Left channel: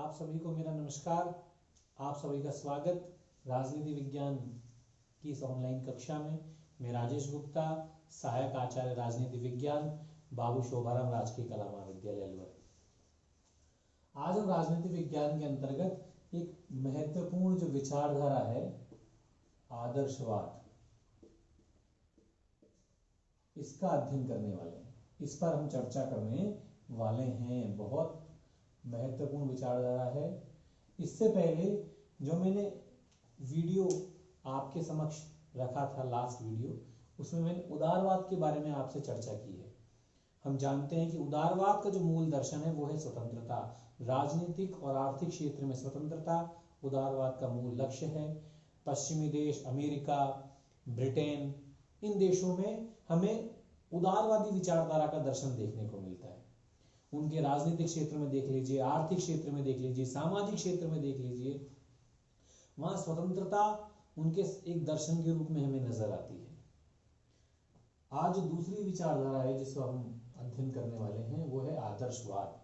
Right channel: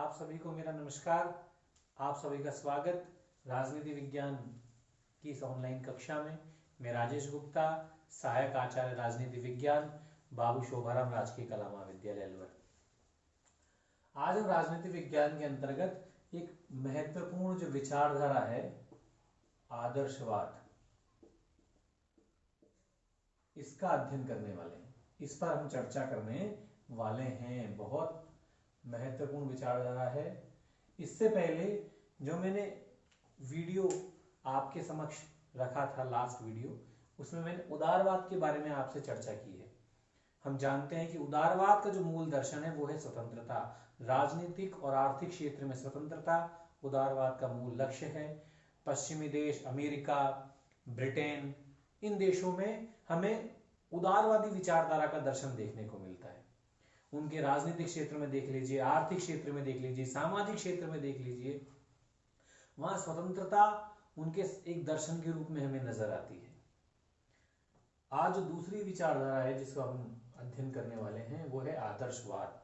आप सभी को मेरा नमस्कार। आप सभी का स्वागत राजनीति विज्ञान की इस ऑनलाइन कक्षा में। मैं राजेश गुप्ता, सहायक आचार्य राजनीति विज्ञान, बाबू शोभाराम राजकीय कला महाविद्यालय अलवर। आज हम राजनीति विज्ञान के अंतर्गत एक महत्वपूर्ण जो विचारधारा है आदर्शवाद, इसका अध्ययन करने वाले हैं। इस पर हम चर्चा करने वाले हैं। बहुत महत्वपूर्ण विचारधारा है। इससे पहले जो मैंने वीडियो आपके समक्ष रखा था, लास्ट वीडियो, उसमें मैंने उदारवाद के बारे में आपसे चर्चा की है। हम जानते हैं कि उदारवाद का जो मूल दर्शन है वो है स्वतंत्रता। राजनीतिक और आर्थिक क्षेत्र में स्वतंत्रता उदारवाद का मूल लक्ष्य है। पश्चिमी देश, अमेरिका, ब्रिटेन, इन देशों में हमें उदारवादी विचारधारा का दर्शन देखने को मिलता है। उनके राजनीतिक क्षेत्र में देख लीजिए, आर्थिक क्षेत्र में देख लीजिए, सामाजिक क्षेत्र में देख लीजिए, वहां स्वतंत्रता उनके एक दर्शन के रूप में हमें नजर आती है। आज जो दूसरी विचारधारा है जिसको हम अध्ययन करने वाले हैं वो है आदर्शवाद।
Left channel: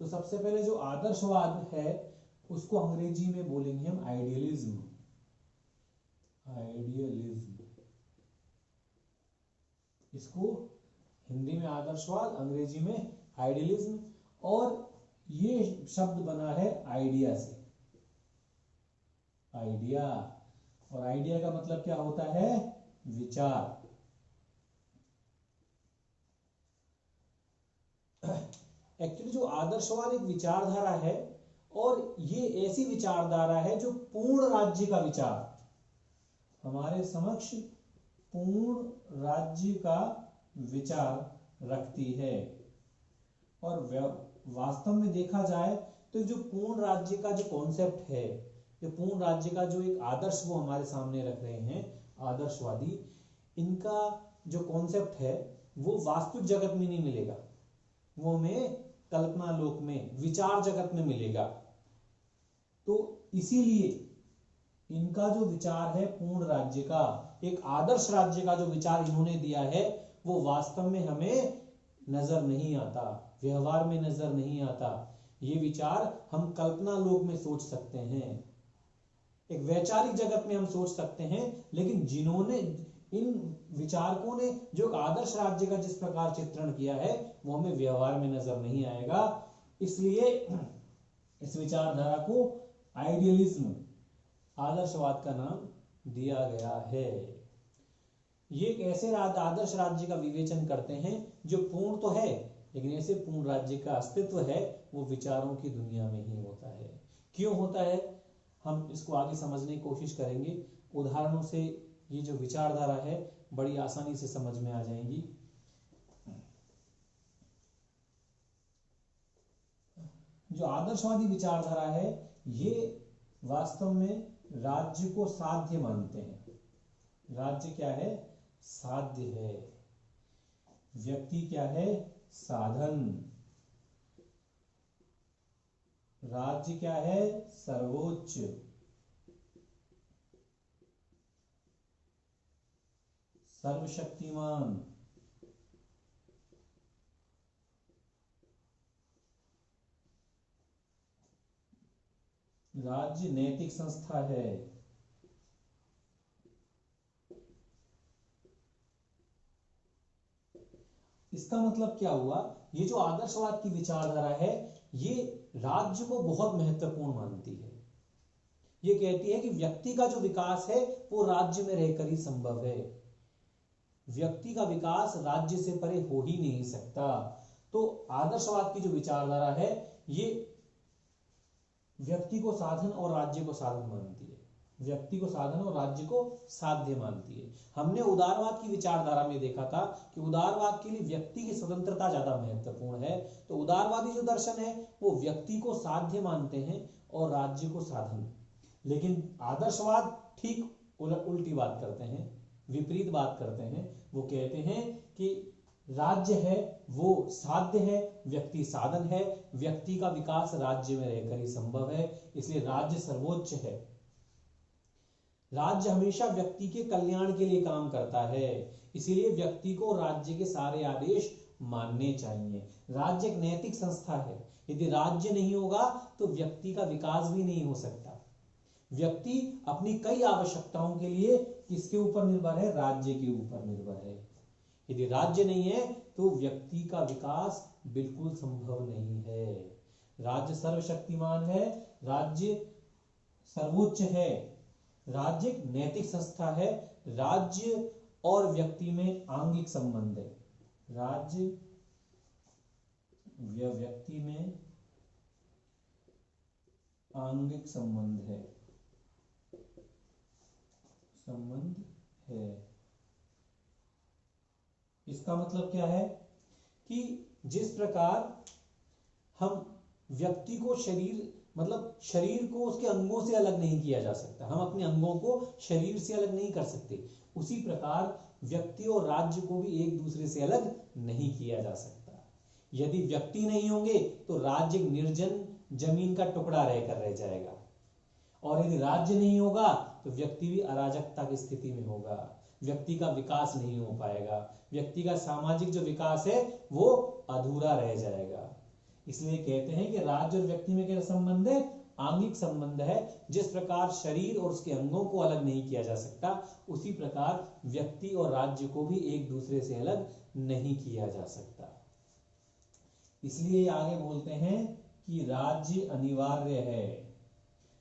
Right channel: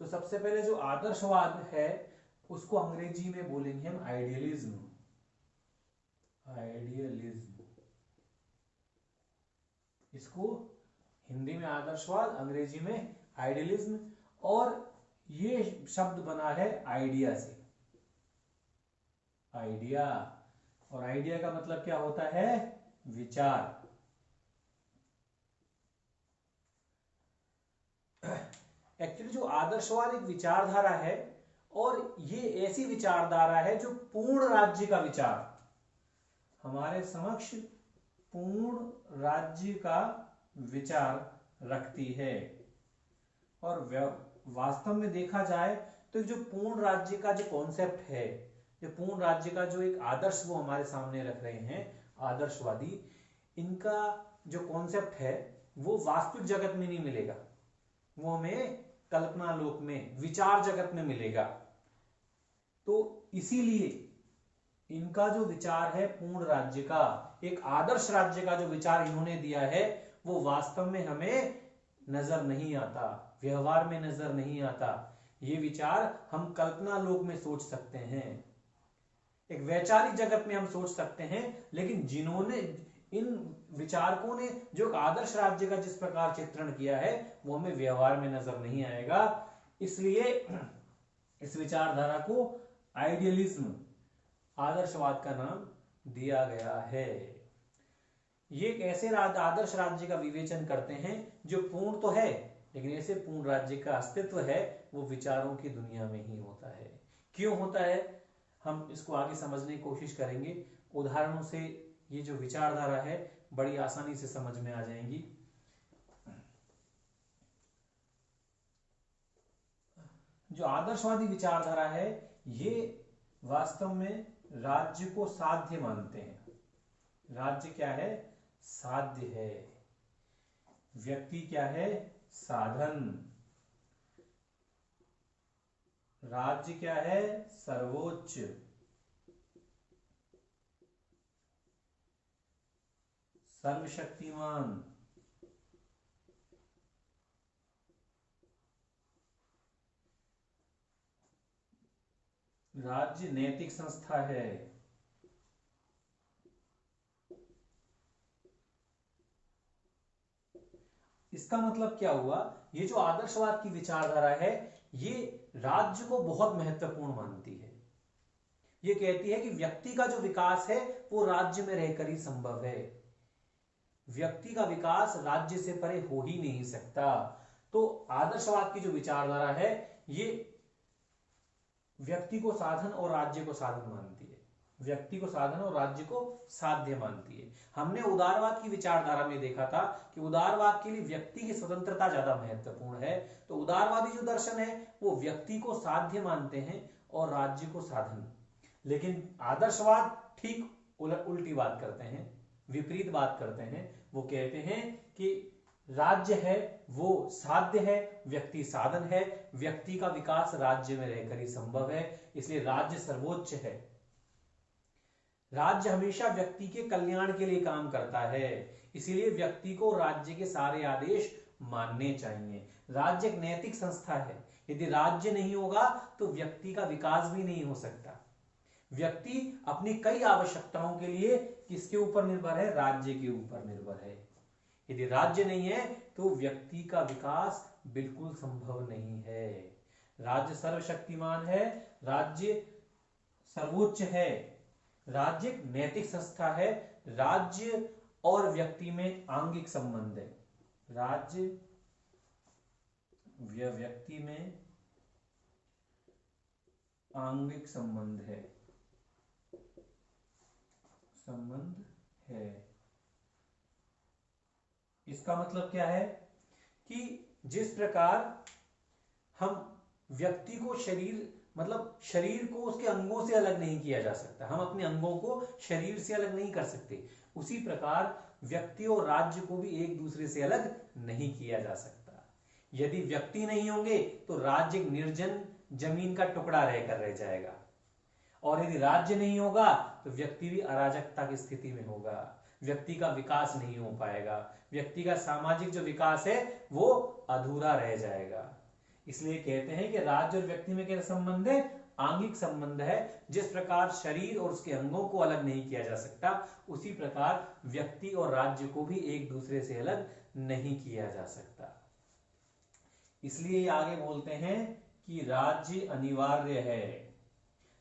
तो सबसे पहले जो आदर्शवाद है उसको अंग्रेजी में बोलेंगे हम आइडियलिज्म। आइडियलिज्म, इसको हिंदी में आदर्शवाद, अंग्रेजी में आइडियलिज्म, और ये शब्द बना है आइडिया से। आइडिया, और आइडिया का मतलब क्या होता है? विचार। एक्चुअली जो आदर्शवाद एक विचारधारा है, और ये ऐसी विचारधारा है जो पूर्ण राज्य का विचार, हमारे समक्ष पूर्ण राज्य का विचार रखती है। और वास्तव में देखा जाए तो जो पूर्ण राज्य का जो कॉन्सेप्ट है, जो पूर्ण राज्य का जो एक आदर्श वो हमारे सामने रख रहे हैं आदर्शवादी, इनका जो कॉन्सेप्ट है वो वास्तविक जगत में नहीं मिलेगा, वो हमें कल्पना लोक में, विचार जगत में मिलेगा। तो इसीलिए इनका जो विचार है पूर्ण राज्य का, एक आदर्श राज्य का जो विचार इन्होंने दिया है वो वास्तव में हमें नजर नहीं आता, व्यवहार में नजर नहीं आता। ये विचार हम कल्पना लोक में सोच सकते हैं, एक वैचारिक जगत में हम सोच सकते हैं, लेकिन जिन्होंने, इन विचारकों ने जो आदर्श राज्य का जिस प्रकार चित्रण किया है वो हमें व्यवहार में नजर नहीं आएगा। इसलिए इस विचारधारा को आइडियलिज्म, आदर्शवाद का नाम दिया गया है। ये एक ऐसे आदर्श राज्य का विवेचन करते हैं जो पूर्ण तो है, लेकिन ऐसे पूर्ण राज्य का अस्तित्व है वो विचारों की दुनिया में ही होता है। क्यों होता है, हम इसको आगे समझने की कोशिश करेंगे। उदाहरणों से ये जो विचारधारा है बड़ी आसानी से समझ में आ जाएंगी। जो आदर्शवादी विचारधारा है ये वास्तव में राज्य को साध्य मानते हैं। राज्य क्या है? साध्य है। व्यक्ति क्या है? साधन। राज्य क्या है? सर्वोच्च। सर्वशक्तिमान। राज्य नैतिक संस्था है। इसका मतलब क्या हुआ? ये जो आदर्शवाद की विचारधारा है ये राज्य को बहुत महत्वपूर्ण मानती है। ये कहती है कि व्यक्ति का जो विकास है वो राज्य में रहकर ही संभव है। व्यक्ति का विकास राज्य से परे हो ही नहीं सकता। तो आदर्शवाद की जो विचारधारा है ये व्यक्ति को साधन और राज्य को साधन मानती है। व्यक्ति को साधन और राज्य को साध्य मानती है। हमने उदारवाद की विचारधारा में देखा था कि उदारवाद के लिए व्यक्ति की स्वतंत्रता ज्यादा महत्वपूर्ण है। तो उदारवादी जो दर्शन है वो व्यक्ति को साध्य मानते हैं और राज्य को साधन। लेकिन आदर्शवाद ठीक उल्टी बात करते हैं, विपरीत बात करते हैं। वो कहते हैं कि राज्य है वो साध्य है, व्यक्ति साधन है, व्यक्ति का विकास राज्य में रहकर ही संभव है, इसलिए राज्य सर्वोच्च है। राज्य हमेशा व्यक्ति के कल्याण के लिए काम करता है, इसीलिए व्यक्ति को राज्य के सारे आदेश मानने चाहिए। राज्य एक नैतिक संस्था है, यदि राज्य नहीं होगा तो व्यक्ति का विकास भी नहीं हो सकता। व्यक्ति अपनी कई आवश्यकताओं के लिए किसके ऊपर निर्भर है? राज्य के ऊपर निर्भर है। यदि राज्य नहीं है तो व्यक्ति का विकास बिल्कुल संभव नहीं है। राज्य सर्वशक्तिमान है, राज्य सर्वोच्च है, राज्य एक नैतिक संस्था है, राज्य और व्यक्ति में आंगिक संबंध है। राज्य व्यक्ति में आंगिक संबंध है, इसका मतलब क्या है कि जिस प्रकार हम व्यक्ति को शरीर को उसके अंगों से अलग नहीं किया जा सकता, हम अपने अंगों को शरीर से अलग नहीं कर सकते, उसी प्रकार व्यक्ति और राज्य को भी एक दूसरे से अलग नहीं किया जा सकता। यदि व्यक्ति नहीं होंगे तो राज्य निर्जन जमीन का टुकड़ा रहकर रह जाएगा, और यदि राज्य नहीं होगा तो व्यक्ति भी अराजकता की स्थिति में होगा, व्यक्ति का विकास नहीं हो पाएगा, व्यक्ति का सामाजिक जो विकास है वो अधूरा रह जाएगा। इसलिए कहते हैं कि राज्य और व्यक्ति में क्या संबंध है? आंगिक संबंध है। जिस प्रकार शरीर और उसके अंगों को अलग नहीं किया जा सकता, उसी प्रकार व्यक्ति और राज्य को भी एक दूसरे से अलग नहीं किया जा सकता। इसलिए आगे बोलते हैं कि राज्य अनिवार्य है,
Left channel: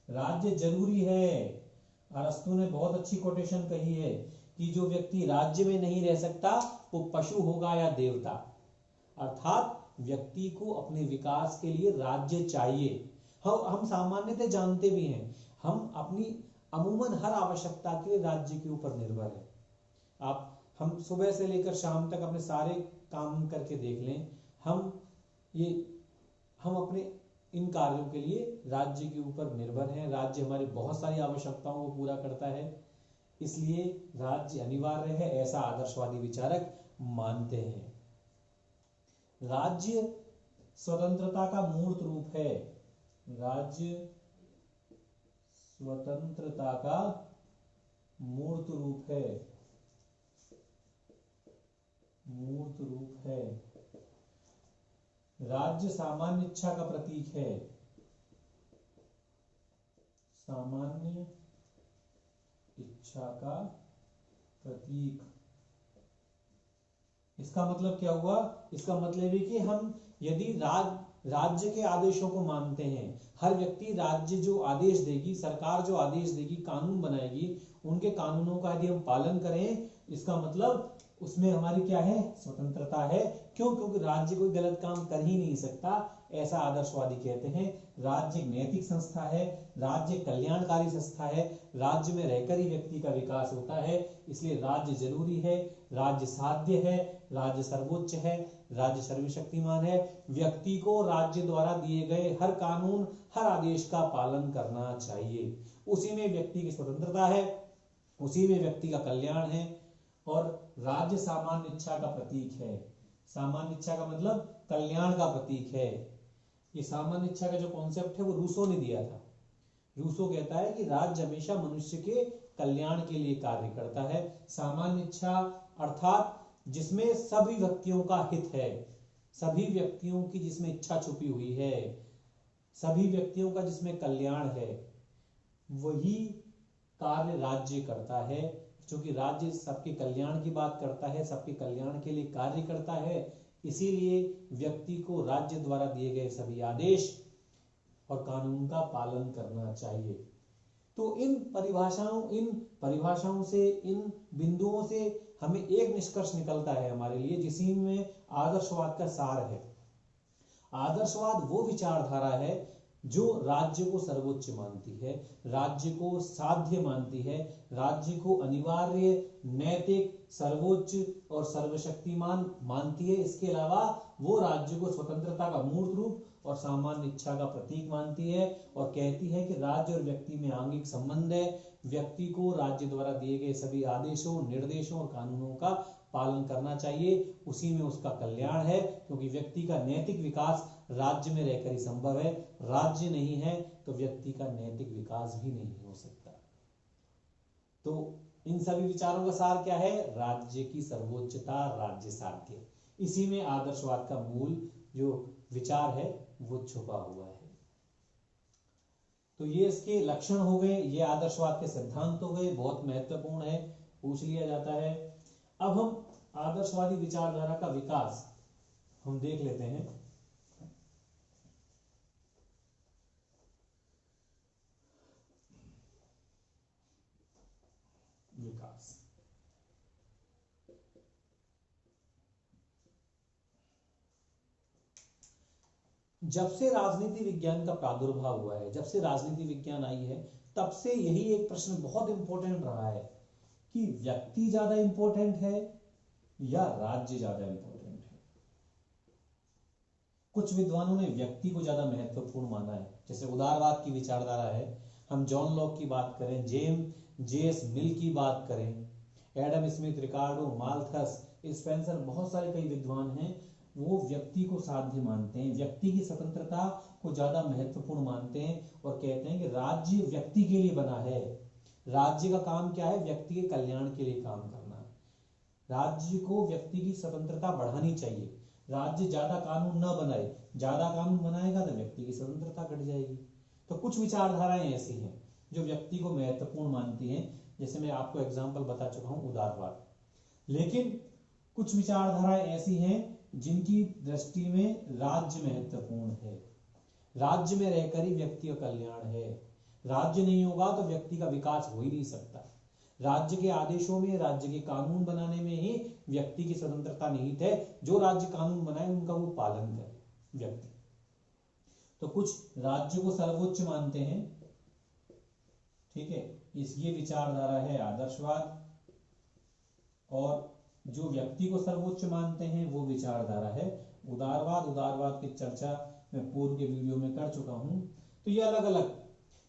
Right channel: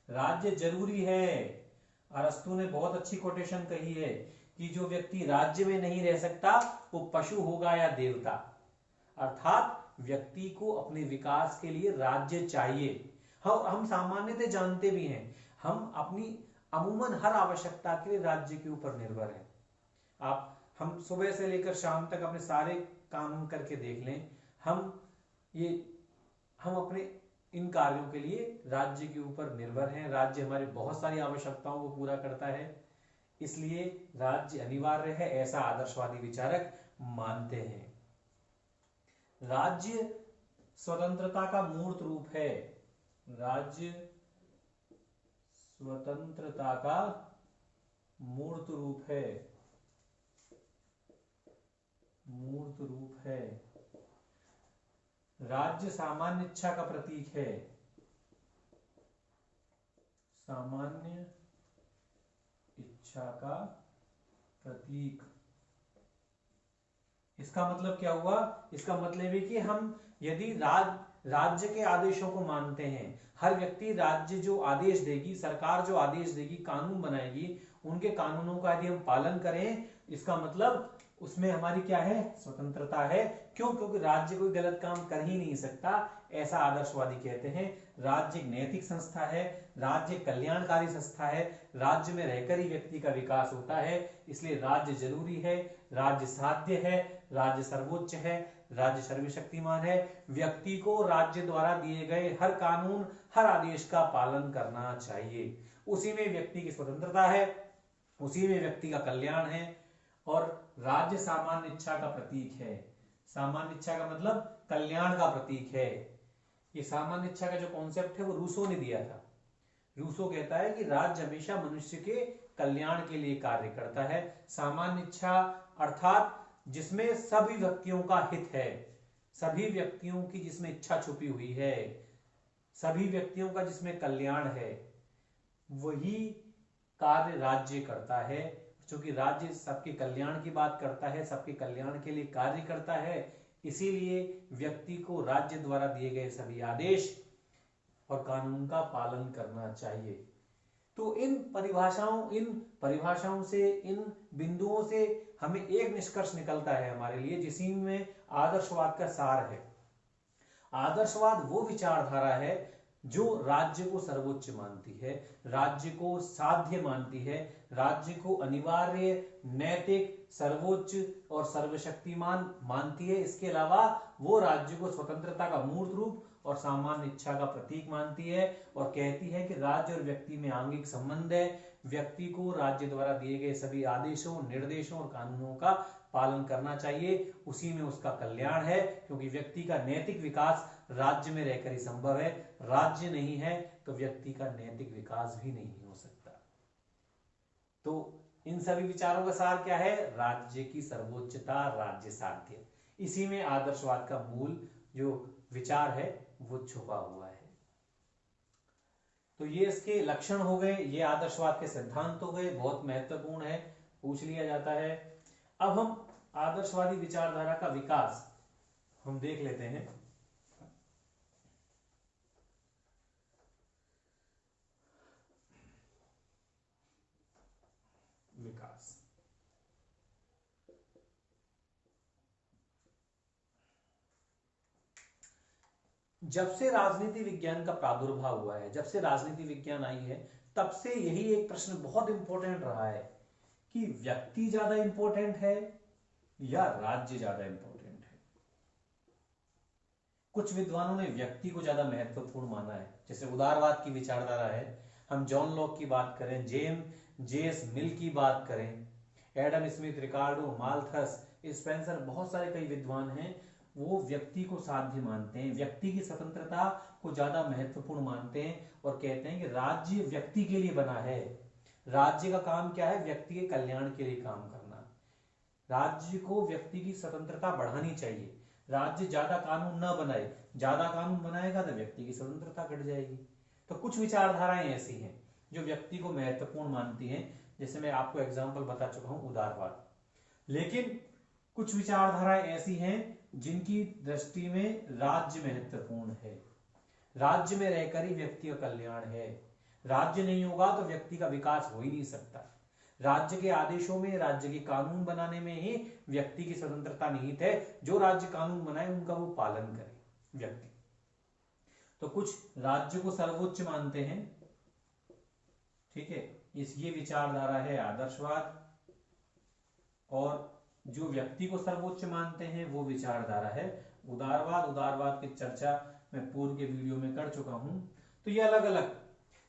राज्य जरूरी है। अरस्तु ने बहुत अच्छी कोटेशन कही है कि जो व्यक्ति राज्य में नहीं रह सकता वो पशु होगा या देवता। अर्थात व्यक्ति को अपने विकास के लिए राज्य चाहिए। हम सामान्यतः जानते भी हैं, हम अपनी अमूमन हर आवश्यकता के लिए राज्य के ऊपर निर्भर हैं। हम सुबह से लेकर शाम तक अपने सारे काम करके देख लें, हम अपने इन कार्यों के लिए राज्य के ऊपर निर्भर हैं। राज्य हमारी बहुत सारी आवश्यकताओं को पूरा करता है, इसलिए राज्य अनिवार्य है, ऐसा आदर्शवादी विचारक मानते हैं। राज्य स्वतंत्रता का मूर्त रूप है, राज्य स्वतंत्रता का मूर्त रूप है, राज्य सामान्य इच्छा का प्रतीक है, सामान्य इच्छा का प्रतीक। इसका मतलब क्या हुआ? इसका मतलब है कि हम यदि राज्य के आदेशों को मानते हैं, हर व्यक्ति राज्य जो आदेश देगी, सरकार जो आदेश देगी, कानून बनाएगी, उनके कानूनों का यदि हम पालन करें, इसका मतलब उसमें हमारी क्या है? स्वतंत्रता है। क्यों? क्योंकि राज्य कोई गलत काम कर ही नहीं सकता, ऐसा आदर्शवादी कहते हैं। राज्य एक नैतिक संस्था है, राज्य कल्याणकारी संस्था है, राज्य में रहकर ही व्यक्ति का विकास होता है, इसलिए राज्य जरूरी है, राज्य साध्य है, राज्य सर्वोच्च है, राज्य सर्वशक्तिमान है। व्यक्ति को राज्य द्वारा दिए गए हर कानून, हर आदेश का पालन करना चाहिए। उसी में व्यक्ति की स्वतंत्रता है, उसी में व्यक्ति का कल्याण है। और राज्य सामान्य इच्छा का प्रतीक है। सामान्य इच्छा का मतलब कल्याण का प्रतीक है। ये सामान्य इच्छा का जो कॉन्सेप्ट है वो रूसो ने दिया था। रूसो कहता है कि राज्य हमेशा मनुष्य के कल्याण के लिए कार्य करता है। सामान्य इच्छा अर्थात जिसमें सभी व्यक्तियों का हित है, सभी व्यक्तियों की जिसमें इच्छा छुपी हुई है, सभी व्यक्तियों का जिसमें कल्याण है, वही कार्य राज्य करता है। क्योंकि राज्य सबके कल्याण की बात करता है, सबके कल्याण के लिए कार्य करता है, इसीलिए व्यक्ति को राज्य द्वारा दिए गए सभी आदेश और कानून का पालन करना चाहिए। तो इन परिभाषाओं से, इन बिंदुओं से हमें एक निष्कर्ष निकलता है हमारे लिए, जिसी में आदर्शवाद का सार है। आदर्शवाद वो विचारधारा है जो राज्य को सर्वोच्च मानती है, राज्य को साध्य मानती है, राज्य को अनिवार्य, नैतिक, सर्वोच्च और सर्वशक्तिमान मानती है। इसके अलावा वो राज्य को स्वतंत्रता का मूर्त रूप और सामान्य इच्छा का प्रतीक मानती है और कहती है कि राज्य और व्यक्ति में आंगिक संबंध है। व्यक्ति को राज्य द्वारा दिए गए सभी आदेशों, निर्देशों और कानूनों का पालन करना चाहिए, उसी में उसका कल्याण है। क्योंकि व्यक्ति का नैतिक विकास राज्य में रहकर ही संभव है, राज्य नहीं है तो व्यक्ति का नैतिक विकास भी नहीं हो सकता। तो इन सभी विचारों का सार क्या है? राज्य की सर्वोच्चता, राज्य साध्य। इसी में आदर्शवाद का मूल जो विचार है वो छुपा हुआ है। तो ये इसके लक्षण हो गए, ये आदर्शवाद के सिद्धांत हो गए, बहुत महत्वपूर्ण है, पूछ लिया जाता है। अब हम आदर्शवादी विचारधारा का विकास हम देख लेते हैं। विकास, जब से राजनीति विज्ञान का प्रादुर्भाव हुआ है, जब से राजनीति विज्ञान आई है, तब से यही एक प्रश्न बहुत इंपॉर्टेंट रहा है कि व्यक्ति ज्यादा इंपॉर्टेंट है या राज्य ज्यादा इंपॉर्टेंट है। कुछ विद्वानों ने व्यक्ति को ज्यादा महत्वपूर्ण माना है, जैसे उदारवाद की विचारधारा है, हम जॉन लॉक की बात करें, जेएस मिल की बात करें, एडम स्मिथ, रिकार्डो, माल्थस, स्पेंसर, बहुत सारे कई विद्वान हैं, वो व्यक्ति को साध्य मानते हैं, व्यक्ति की स्वतंत्रता को ज्यादा महत्वपूर्ण मानते हैं और कहते हैं कि राज्य व्यक्ति के लिए बना है। राज्य का काम क्या है? व्यक्ति के कल्याण के लिए काम करना। राज्य को व्यक्ति की स्वतंत्रता बढ़ानी चाहिए, राज्य ज्यादा कानून न बनाए, ज्यादा कानून बनाएगा तो व्यक्ति की स्वतंत्रता घट जाएगी। तो कुछ विचारधाराएं ऐसी हैं जो व्यक्ति को महत्वपूर्ण मानती हैं, जैसे मैं आपको एग्जांपल बता चुका हूं उदारवाद। लेकिन कुछ विचारधाराएं ऐसी हैं जिनकी दृष्टि में राज्य महत्वपूर्ण है, राज्य में रहकर ही व्यक्ति का कल्याण है, राज्य नहीं होगा तो व्यक्ति का विकास हो ही नहीं सकता। राज्य के आदेशों में, राज्य के कानून बनाने में ही व्यक्ति की स्वतंत्रता निहित है, जो राज्य कानून बनाए उनका वो पालन करे व्यक्ति। तो कुछ राज्य को सर्वोच्च मानते हैं, ठीक है, ये विचारधारा है आदर्शवाद। और जो व्यक्ति को सर्वोच्च मानते हैं वो विचारधारा है उदारवाद। उदारवाद की चर्चा मैं पूर्व के वीडियो में कर चुका हूं। तो ये अलग अलग,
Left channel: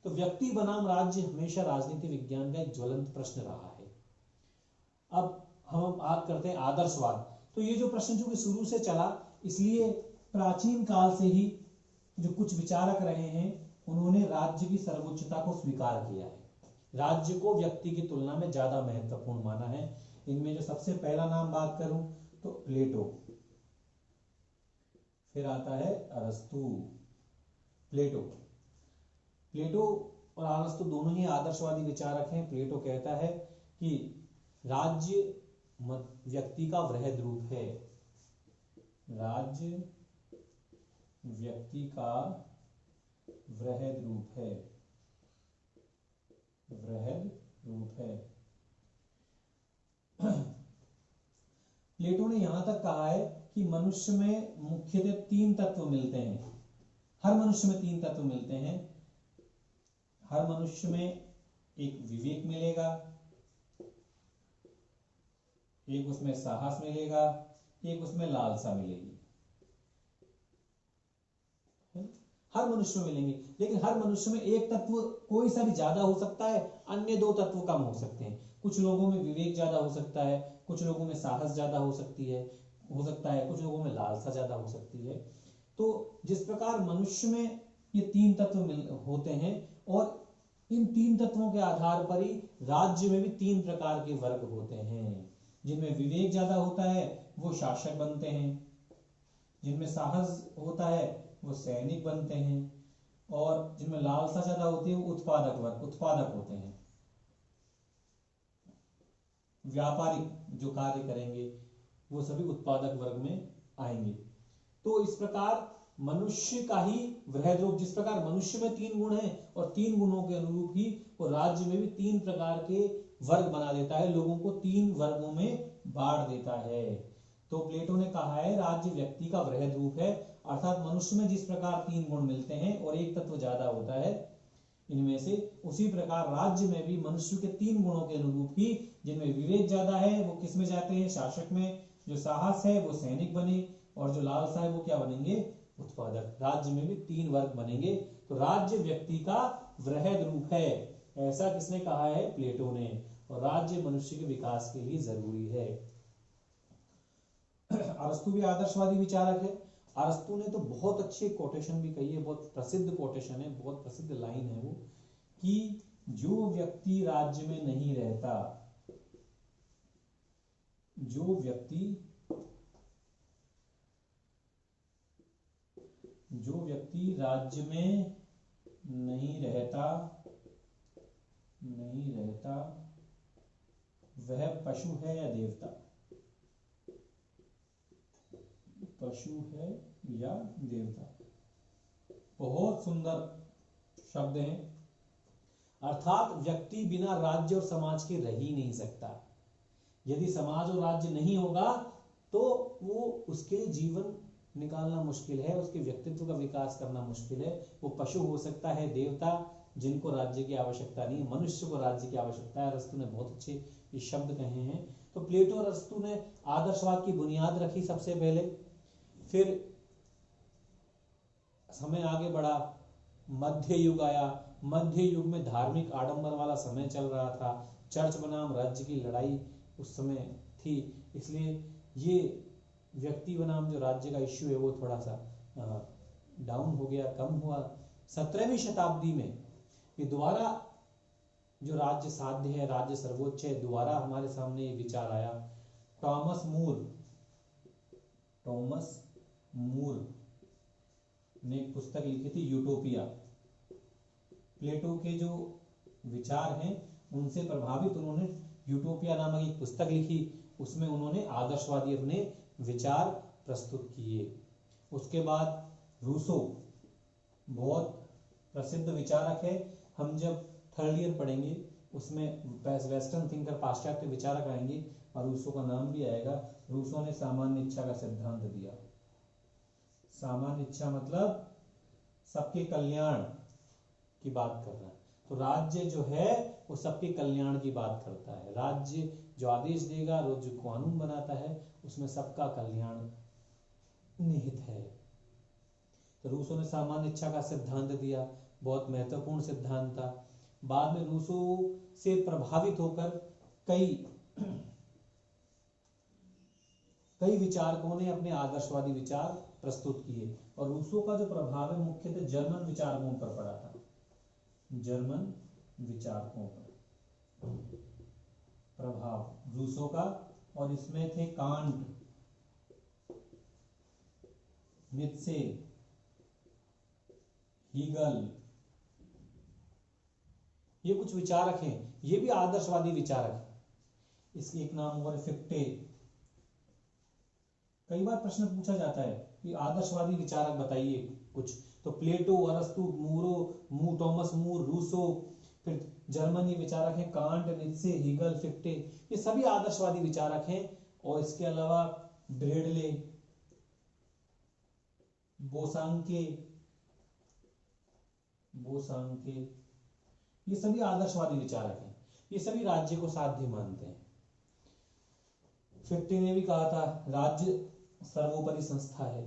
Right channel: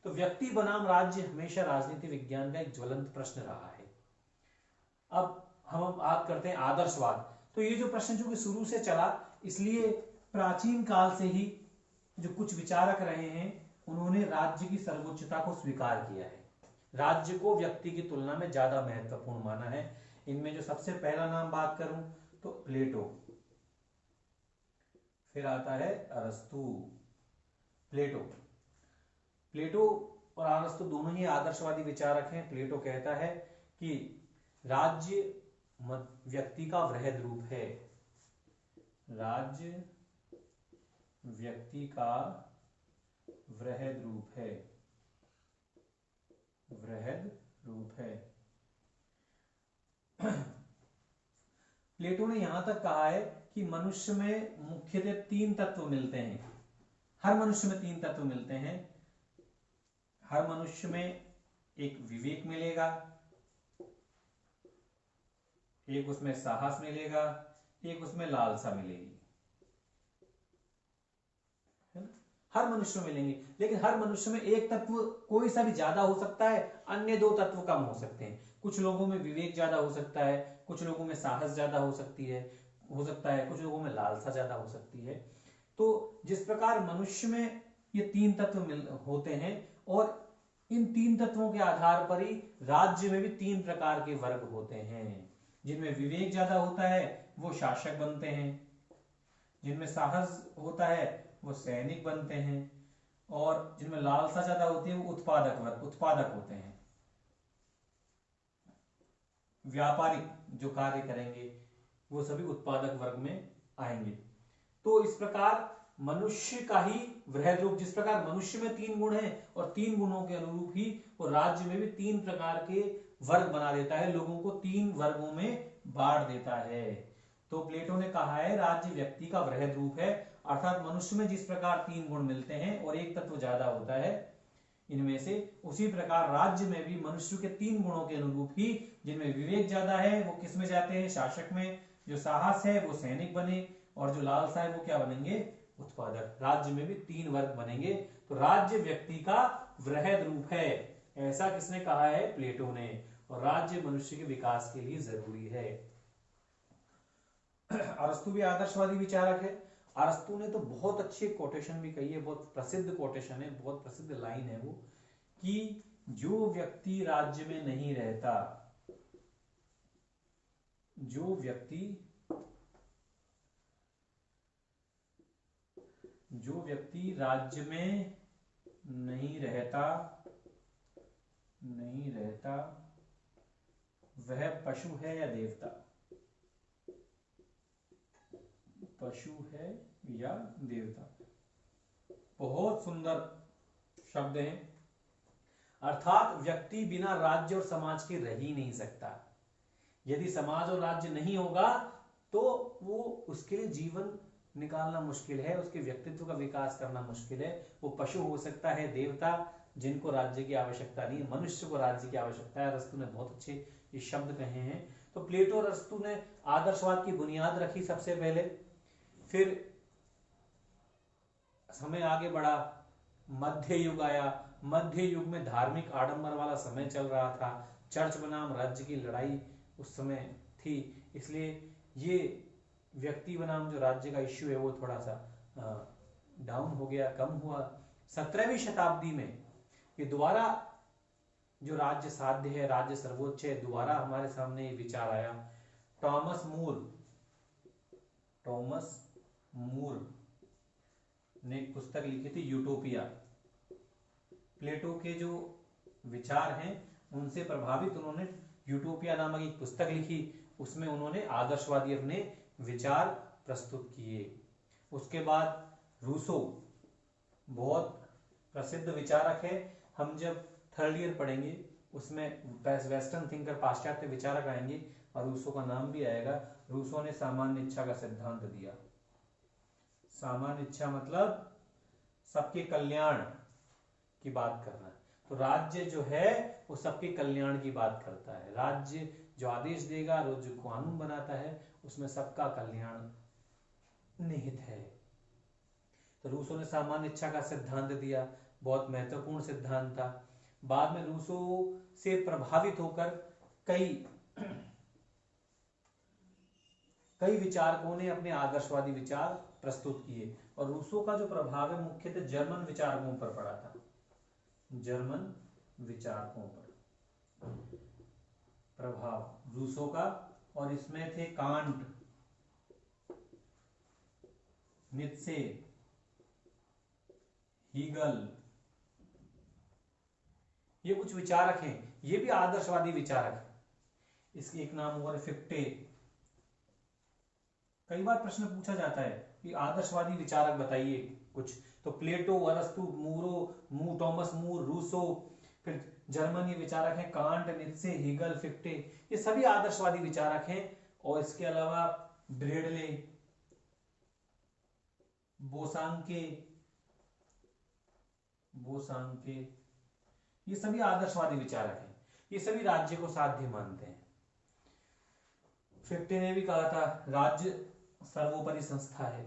तो व्यक्ति बनाम राज्य हमेशा राजनीति विज्ञान का एक ज्वलंत प्रश्न रहा है। अब हम बात करते हैं आदर्शवाद। तो ये जो प्रश्न जो कि शुरू से चला, इसलिए प्राचीन काल से ही जो कुछ विचारक रहे हैं उन्होंने राज्य की सर्वोच्चता को स्वीकार किया है, राज्य को व्यक्ति की तुलना में ज्यादा महत्वपूर्ण माना है। इनमें जो सबसे पहला नाम बात करूं तो प्लेटो, फिर आता है अरस्तु। प्लेटो और अरस्तु दोनों ही आदर्शवादी विचारक हैं। प्लेटो कहता है कि राज्य व्यक्ति का वृहद रूप है, राज्य व्यक्ति का वृहद रूप है, वृहद रूप है। प्लेटो ने यहां तक कहा है कि मनुष्य में मुख्यतः 3 तत्व मिलते हैं, हर मनुष्य में 3 तत्व मिलते हैं। हर मनुष्य में एक विवेक मिलेगा, एक उसमें साहस मिलेगा, एक उसमें लालसा मिलेगी। हर मनुष्य में मिलेंगे, लेकिन हर मनुष्य में एक तत्व कोई सा भी ज्यादा हो सकता है, अन्य 2 तत्व कम हो सकते हैं। कुछ लोगों में विवेक ज्यादा हो सकता है, कुछ लोगों में साहस ज्यादा हो सकता है, कुछ लोगों में लालसा ज्यादा हो सकती है। तो जिस प्रकार मनुष्य में ये 3 तत्व होते हैं और इन 3 तत्वों के आधार पर ही राज्य में भी 3 प्रकार के वर्ग होते हैं। जिनमें विवेक ज्यादा होता है वो शासक बनते हैं, जिनमें साहस होता है वो सैनिक बनते हैं, और जिनमें लालसा ज्यादा होती है वो उत्पादक होते हैं, व्यापारिक जो कार्य करेंगे वो सभी उत्पादक वर्ग में आएंगे। तो इस प्रकार मनुष्य का ही वृहद रूप, जिस प्रकार मनुष्य में 3 गुण हैं और 3 गुणों के अनुरूप ही वो राज्य में भी 3 प्रकार के वर्ग बना देता है, लोगों को 3 वर्गों में बांट देता है। तो प्लेटो ने कहा है राज्य व्यक्ति का वृहद रूप है, अर्थात मनुष्य में जिस प्रकार 3 गुण मिलते हैं और एक तत्व ज्यादा होता है इनमें से, उसी प्रकार राज्य में भी मनुष्य के 3 गुणों के अनुरूप ही, जिनमें विवेक ज्यादा है वो किस में जाते हैं? शासक में, जो साहस है वो सैनिक बने, और जो लालसा है वो क्या बनेंगे? उत्पादक। राज्य में भी 3 वर्ग बनेंगे। तो राज्य व्यक्ति का वृहद रूप है, ऐसा किसने कहा है? प्लेटो ने। और राज्य मनुष्य के विकास के लिए जरूरी है। अरस्तु भी आदर्शवादी विचारक है। अरस्तु ने तो बहुत अच्छी कोटेशन भी कही है, बहुत प्रसिद्ध कोटेशन है, बहुत प्रसिद्ध लाइन है वो, कि जो व्यक्ति राज्य में नहीं रहता, जो व्यक्ति राज्य में नहीं रहता वह पशु है या देवता, पशु है या देवता। बहुत सुंदर शब्द हैं। अर्थात व्यक्ति बिना राज्य और समाज के रह ही नहीं सकता। यदि समाज और राज्य नहीं होगा तो वो उसके जीवन निकालना मुश्किल है, उसके व्यक्तित्व का विकास करना मुश्किल है। वो पशु हो सकता है, देवता, जिनको राज्य की आवश्यकता नहीं है। मनुष्य को राज्य की आवश्यकता है। अरस्तु ने बहुत अच्छे ये शब्द कहे हैं। तो प्लेटो और अरस्तु ने आदर्शवाद की बुनियाद रखी सबसे पहले, फिर समय आगे बढ़ा, मध्य युग आया। मध्य युग में धार्मिक आडंबर वाला समय चल रहा था। चर्च बनाम राज्य की लड़ाई उस समय थी, इसलिए ये व्यक्ति बनाम जो राज्य का इश्यू है वो थोड़ा सा डाउन हो गया, कम हुआ। 17वीं शताब्दी में ये दोबारा जो राज्य साध्य है, राज्य सर्वोच्च है, दोबारा हमारे सामने ये विचार आया। टॉमस मूर ने एक पुस्तक लिखी थी, यूटोपिया। प्लेटो के जो विचार हैं उनसे प्रभावित उन्होंने यूटोपिया नामक एक पुस्तक लिखी। उसमें उन्होंने आदर्शवादी अपने विचार प्रस्तुत किए। उसके बाद रूसो बहुत प्रसिद्ध विचारक है। हम जब थर्ड ईयर पढ़ेंगे उसमें वेस्टर्न थिंकर, पाश्चात्य विचारक आएंगे और रूसो का नाम भी आएगा। रूसो ने सामान्य इच्छा का सिद्धांत दिया। सामान्य इच्छा मतलब सबके कल्याण की बात करना है। तो राज्य जो है वो सबके कल्याण की बात करता है। राज्य जो आदेश देगा, जो कानून बनाता है, उसमें सबका कल्याण निहित है। तो रूसो ने सामान्य इच्छा का सिद्धांत दिया, बहुत महत्वपूर्ण सिद्धांत था। बाद में रूसो से प्रभावित होकर कई विचारकों ने अपने आदर्शवादी विचार प्रस्तुत किए। और रूसो का जो प्रभाव है मुख्यतः जर्मन विचारकों पर पड़ा था, जर्मन विचारकों पर प्रभाव रूसो का। और इसमें थे कांट, नीत्शे, हीगल, ये कुछ विचारक हैं, ये भी आदर्शवादी विचारक हैं। इसके एक नाम और फिक्टे। कई बार प्रश्न पूछा जाता है कि आदर्शवादी विचारक बताइए कुछ, तो प्लेटो, अरस्तु, टॉमस मूर, रूसो, फिर जर्मनी विचारक हैं कांट, नीत्शे, हीगल, फिक्टे, ये सभी आदर्शवादी विचारक हैं। और इसके अलावा ब्रेडले, बोसांके, ये सभी आदर्शवादी विचारक हैं। ये सभी राज्य को साध्य मानते हैं। फिक्टे ने भी कहा था राज्य सर्वोपरि संस्था है,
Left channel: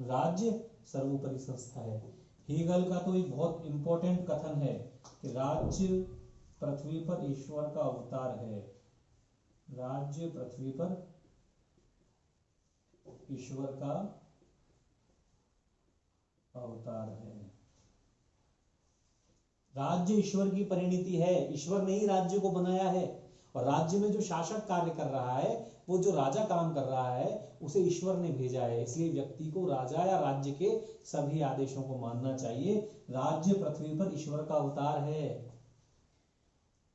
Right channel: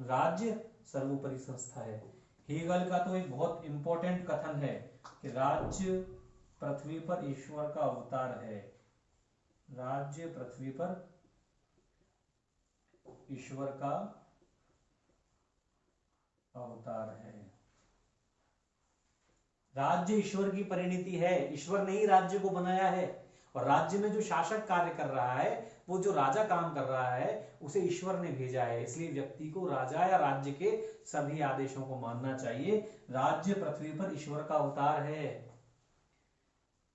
राज्य सर्वोपरि संस्था है। हीगल का तो एक बहुत इंपॉर्टेंट कथन है कि राज्य पृथ्वी पर ईश्वर का अवतार है। राज्य पृथ्वी पर ईश्वर का अवतार है। राज्य ईश्वर की परिणति है, ईश्वर ने ही राज्य को बनाया है। और राज्य में जो शासक कार्य कर रहा है, वो जो राजा काम कर रहा है, उसे ईश्वर ने भेजा है। इसलिए व्यक्ति को राजा या राज्य के सभी आदेशों को मानना चाहिए। राज्य पृथ्वी पर ईश्वर का अवतार है,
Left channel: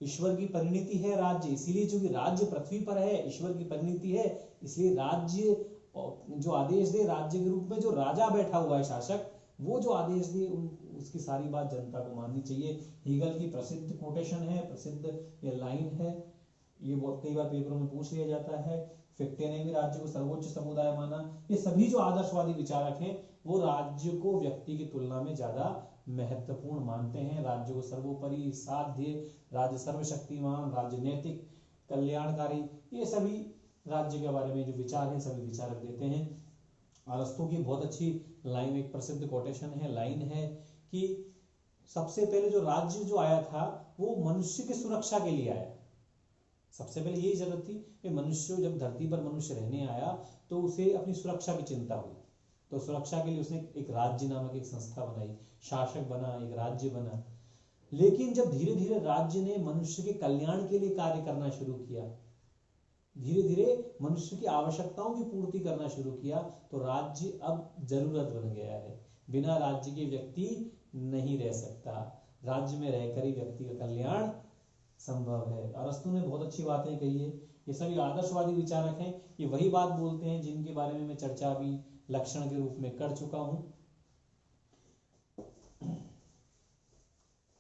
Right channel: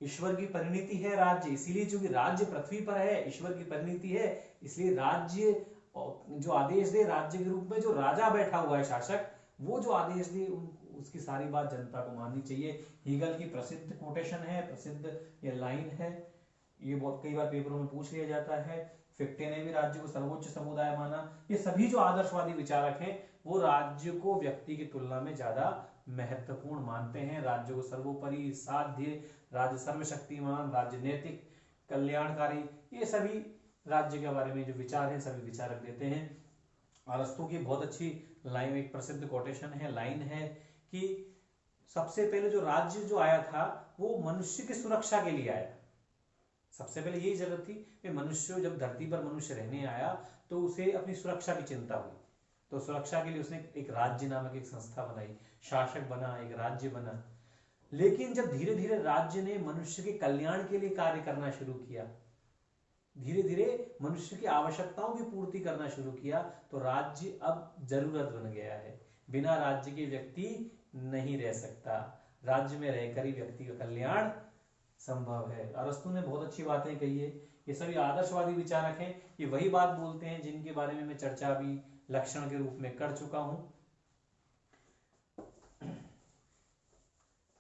ईश्वर की परिणति है राज्य। इसीलिए चूंकि राज्य पृथ्वी पर है, ईश्वर की परिणति है, इसलिए राज्य जो आदेश दे, राज्य के रूप में जो राजा बैठा हुआ है शासक, वो जो आदेश दे उसकी सारी बात जनता को माननी चाहिए। हीगल की प्रसिद्ध कोटेशन है, प्रसिद्ध ये लाइन है, ये बहुत कई बार पेपरों में पूछ लिया जाता है। फिक्टे ने भी राज्य को सर्वोच्च समुदाय माना। ये सभी जो आदर्शवादी विचारक हैं वो राज्य को व्यक्ति की तुलना में ज्यादा महत्वपूर्ण मानते हैं। राज्य को सर्वोपरि, साध्य, राज्य सर्वशक्तिमान, राज्य नैतिक, कल्याणकारी, ये सभी राज्य के बारे में जो विचार हैं सभी विचारक देते हैं। अरस्तु की बहुत अच्छी लाइन, एक प्रसिद्ध कोटेशन है, लाइन है कि सबसे पहले जो राज्य जो आया था वो मनुष्य की सुरक्षा के लिए आया। सबसे पहले यही जरूरत थी कि मनुष्य, जब धरती पर मनुष्य रहने आया तो उसे अपनी सुरक्षा की चिंता हुई, तो सुरक्षा के लिए उसने एक राज्य नामक एक संस्था बनाई, शासक बना, एक राज्य बना। लेकिन जब धीरे धीरे राज्य ने मनुष्य के कल्याण के लिए कार्य करना शुरू किया, धीरे धीरे मनुष्य की आवश्यकताओं की पूर्ति करना शुरू किया, तो राज्य अब जरूरत बन गया है। बिना राज्य के व्यक्ति नहीं रह सकता। राज्य में रहकर ही व्यक्ति का कल्याण संभव है। अरस्तु ने बहुत अच्छी बातें कही है। ये सभी आदर्शवादी विचारक हैं। ये वही बात बोलते हैं जिनके बारे में मैं चर्चा भी लक्षण के रूप में कर चुका हूं।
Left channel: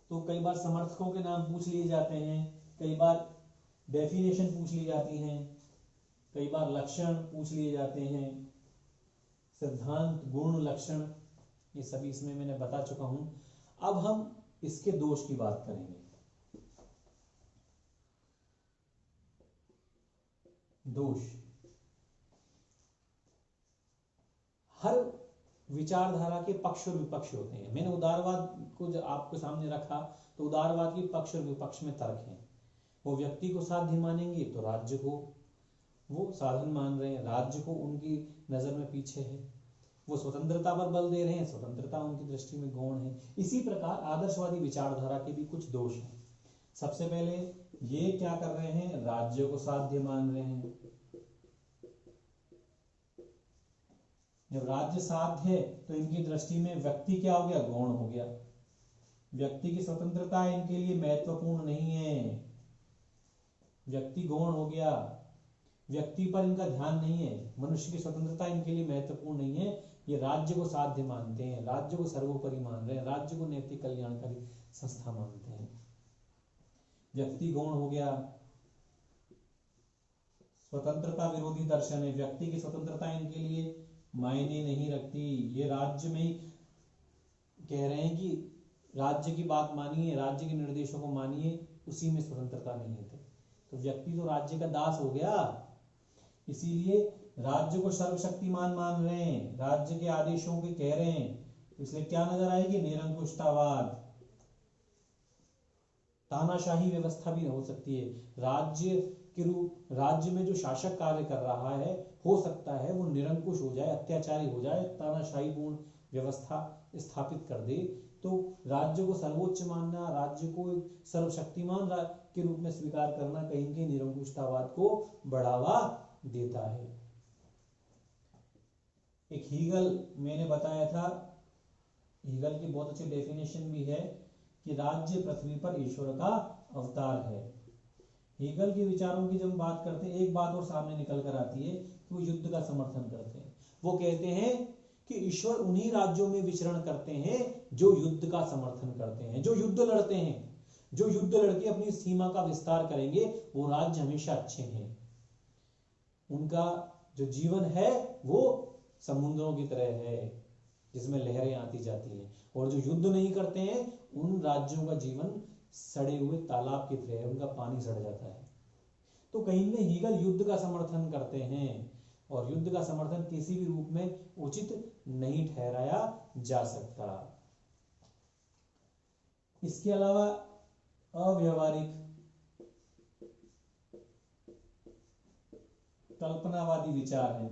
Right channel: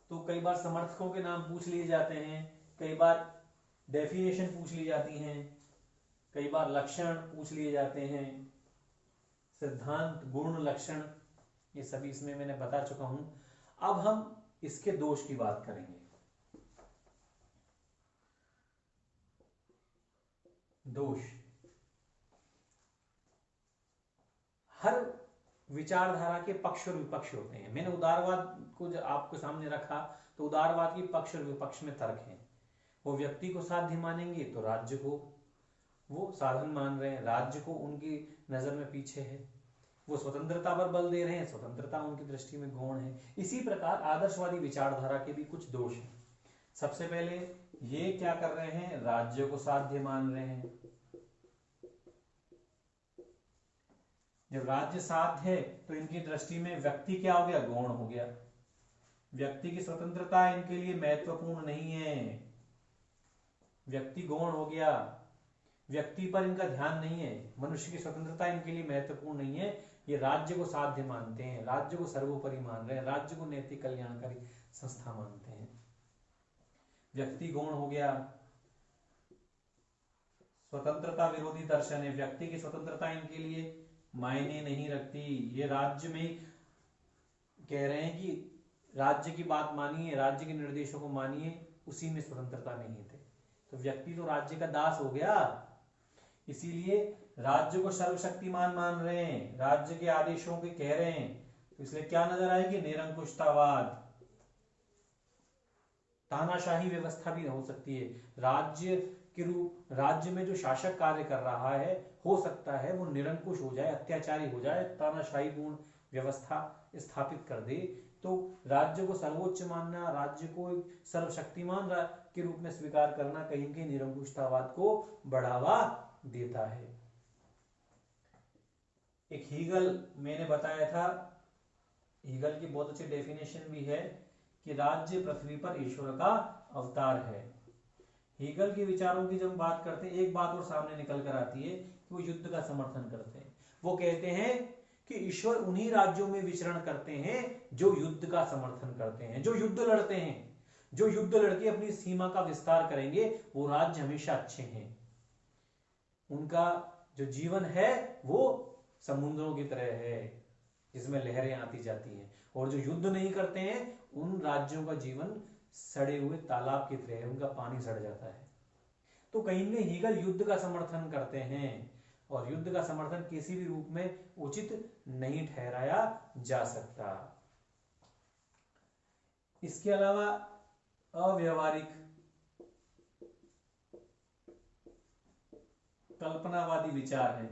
तो कई बार समर्थकों के नाम पूछ लिए जाते हैं, कई बार डेफिनेशन पूछ ली जाती हैं, कई बार लक्षण पूछ लिए जाते हैं, सिद्धांत, गुण, लक्षण, ये सभी इसमें मैंने बता चुका हूं। अब हम इसके दोष की बात करेंगे। दोष, हर विचारधारा के पक्ष और विपक्ष होते हैं। मैंने उदारवाद को जो आपके सामने रखा, तो उदारवाद की पक्ष और विपक्ष में तर्क है। वो व्यक्ति को साध्य मानेंगे तो राज्य को वो साधन मान रहे हैं, राज्य को उनकी नजर में पीछे है। वो स्वतंत्रता पर बल दे रहे हैं, स्वतंत्रता उनकी दृष्टि में गौण है। इसी प्रकार आदर्शवादी विचारधारा के भी कुछ दोष हैं। सबसे पहले ये क्या कर रहे हैं, राज्य को साध्य मान रहे हैं। जब राज्य साध्य है तो इनकी दृष्टि में व्यक्ति क्या हो गया, गौण हो गया। व्यक्ति की स्वतंत्रता इनके लिए महत्वपूर्ण नहीं है, व्यक्ति गौण हो गया। व्यक्ति पर इनका ध्यान नहीं है, मनुष्य की स्वतंत्रता इनके लिए महत्वपूर्ण नहीं है। ये राज्य को साध्य मानते हैं, राज्य को सर्वोपरि मान रहे हैं, राज्य को नैतिक कल्याणकारी संस्था मानते हैं। व्यक्ति गौण हो गया। स्वतंत्रता विरोधी दर्शन है, व्यक्ति की स्वतंत्रता इनके लिए मायने नहीं रखती। ये राज्य में कह रहे हैं कि राज्य की बात मानिए, राज्य के निर्देशों को मानिए, उसी में स्वतंत्रता नहीं थे। तो व्यक्ति तो राज्य का दास हो गया। इसीलिए राज्य को सर्वशक्तिमान मान रहे हैं, राज्य के आदेशों के कह रहे हैं। तो इसलिए क्या नजर आएगी, निरंकुशतावाद, तानाशाही व्यवस्था भी हो सकती है। राज्य के रूप, राज्य में जो शासक कार्य कर रहा है, हो सकता है वो निरंकुश हो जाए, अत्याचारी हो जाए, तानाशाही पूर्ण व्यवस्था स्थापित कर दे। तो राज्य को सर्वोच्च मानना, राज्य को सर्वशक्तिमान के रूप में स्वीकार करना कहीं के निरंकुशतावाद को बढ़ावा देता है। एक हीगल मैंने बताया था, हीगल की बहुत अच्छी डेफिनेशन भी है कि राज्य पृथ्वी पर ईश्वर का अवतार है। हीगल के विचारों की जब बात करते हैं, एक बात और सामने निकल कर आती है कि वो युद्ध का समर्थन करते हैं। वो कहते हैं कि ईश्वर उन्हीं राज्यों में विचरण करते हैं जो युद्ध का समर्थन करते हैं, जो युद्ध लड़ते हैं। जो युद्ध लड़के अपनी सीमा का विस्तार करेंगे वो राज्य हमेशा अच्छे हैं। उनका जो जीवन है वो समुद्रों की तरह है, जिसमें लहरें आती जाती हैं। और जो युद्ध नहीं करते हैं उन राज्यों का जीवन सड़े हुए तालाब की तरह है, उनका पानी सड़ जाता है। तो कहीं न हीगल युद्ध का समर्थन करते हैं, और युद्ध का समर्थन किसी भी रूप में उचित नहीं ठहराया जा सकता। इसके अलावा अव्यवहारिक कल्पनावादी विचार है।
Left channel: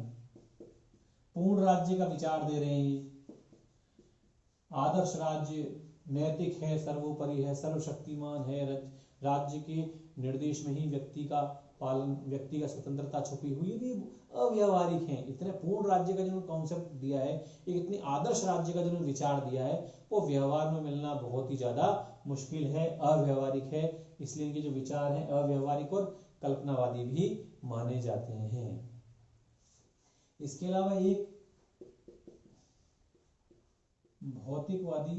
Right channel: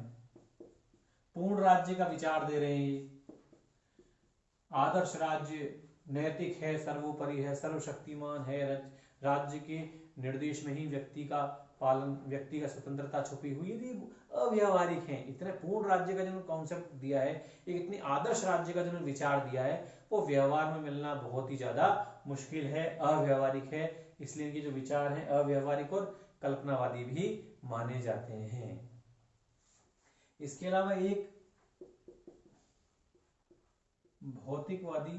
पूर्ण राज्य का विचार दे रहे हैं। आदर्श राज्य नैतिक है, सर्वोपरि है, सर्वशक्तिमान है, राज्य के निर्देश में ही व्यक्ति का पालन, व्यक्ति का स्वतंत्रता छुपी हुई है। अव्यवहारिक है। इतने पूर्ण राज्य का जो कॉन्सेप्ट दिया है, एक इतनी आदर्श राज्य का जो विचार दिया है, वो व्यवहार में मिलना बहुत ही ज्यादा मुश्किल है, अव्यवहारिक है। इसलिए इनके जो विचार हैं अव्यवहारिक और कल्पनावादी भी माने जाते हैं। इसके अलावा एक भौतिकवादी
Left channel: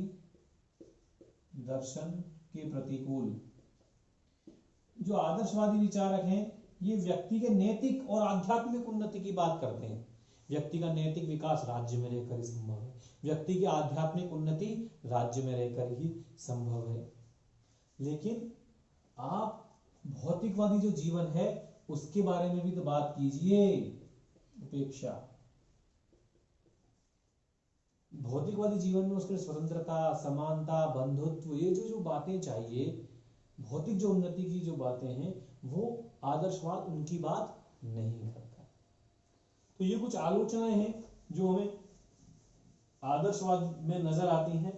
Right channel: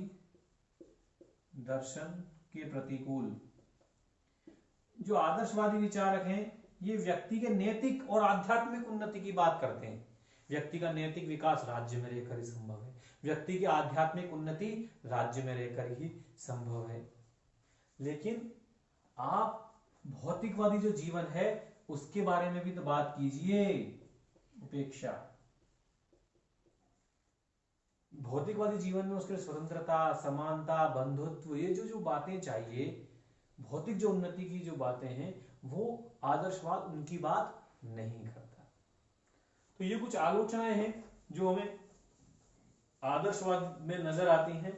दर्शन के प्रतिकूल जो आदर्शवादी विचारक हैं, ये व्यक्ति के नैतिक और आध्यात्मिक उन्नति की बात करते हैं। व्यक्ति का नैतिक विकास राज्य में रहकर ही संभव है, व्यक्ति की आध्यात्मिक उन्नति राज्य में रहकर ही संभव है। लेकिन आप भौतिकवादी जो जीवन है उसके बारे में भी तो बात कीजिए। उपेक्षा, भौतिकवादी जीवन में उसके स्वतंत्रता, समानता, बंधुत्व, ये जो बातें चाहिए, भौतिक जो उन्नति की जो बातें हैं, वो आदर्शवाद उनकी बात नहीं करता। तो ये कुछ आलोचनाएं हैं जो हमें आदर्शवाद में नजर आती हैं।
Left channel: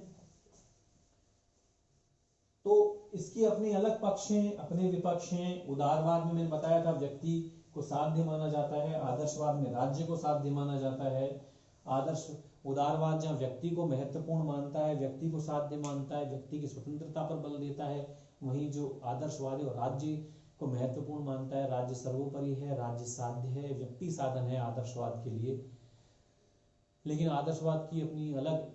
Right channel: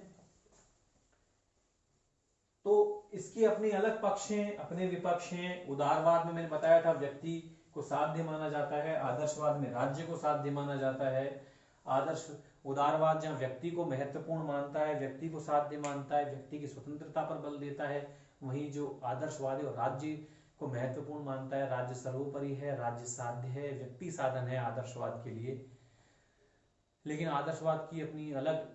तो इसके अपने अलग पक्ष हैं, अपने विपक्ष हैं। उदारवाद में मैंने बताया था व्यक्ति को साध्य माना जाता है, आदर्शवाद में राज्य को साध्य माना जाता है। आदर्श उदारवाद जहाँ व्यक्ति को महत्वपूर्ण मानता है, व्यक्ति को साध्य मानता है, व्यक्ति की स्वतंत्रता पर बल देता है, वहीं जो आदर्शवाद है वो राज्य को महत्वपूर्ण मानता है, राज्य सर्वोपरि है, राज्य साध्य है, व्यक्ति साधन है आदर्शवाद के लिए। लेकिन आदर्शवाद की अपनी अलग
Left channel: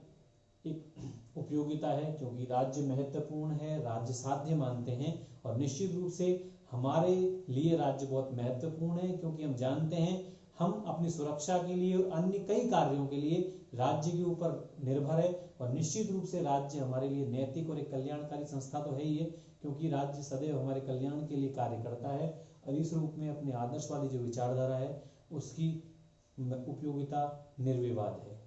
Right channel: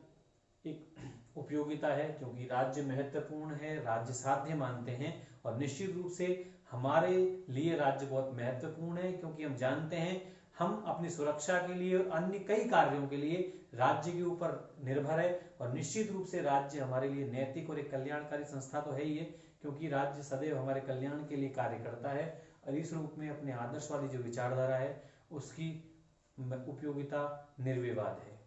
एक उपयोगिता है, क्योंकि राज्य महत्वपूर्ण है, राज्य साध्य मानते हैं, और निश्चित रूप से हमारे लिए राज्य बहुत महत्वपूर्ण है, क्योंकि हम जानते हैं हम अपनी सुरक्षा के लिए और अन्य कई कार्यों के लिए राज्य के ऊपर निर्भर है। और निश्चित रूप से राज्य हमारे लिए नैतिक और एक कल्याणकारी संस्था तो है ही है, क्योंकि राज्य सदैव हमारे कल्याण के लिए कार्य करता है। और इस रूप में अपने आदर्शवादी जो विचारधारा है उसकी उपयोगिता निर्विवाद है।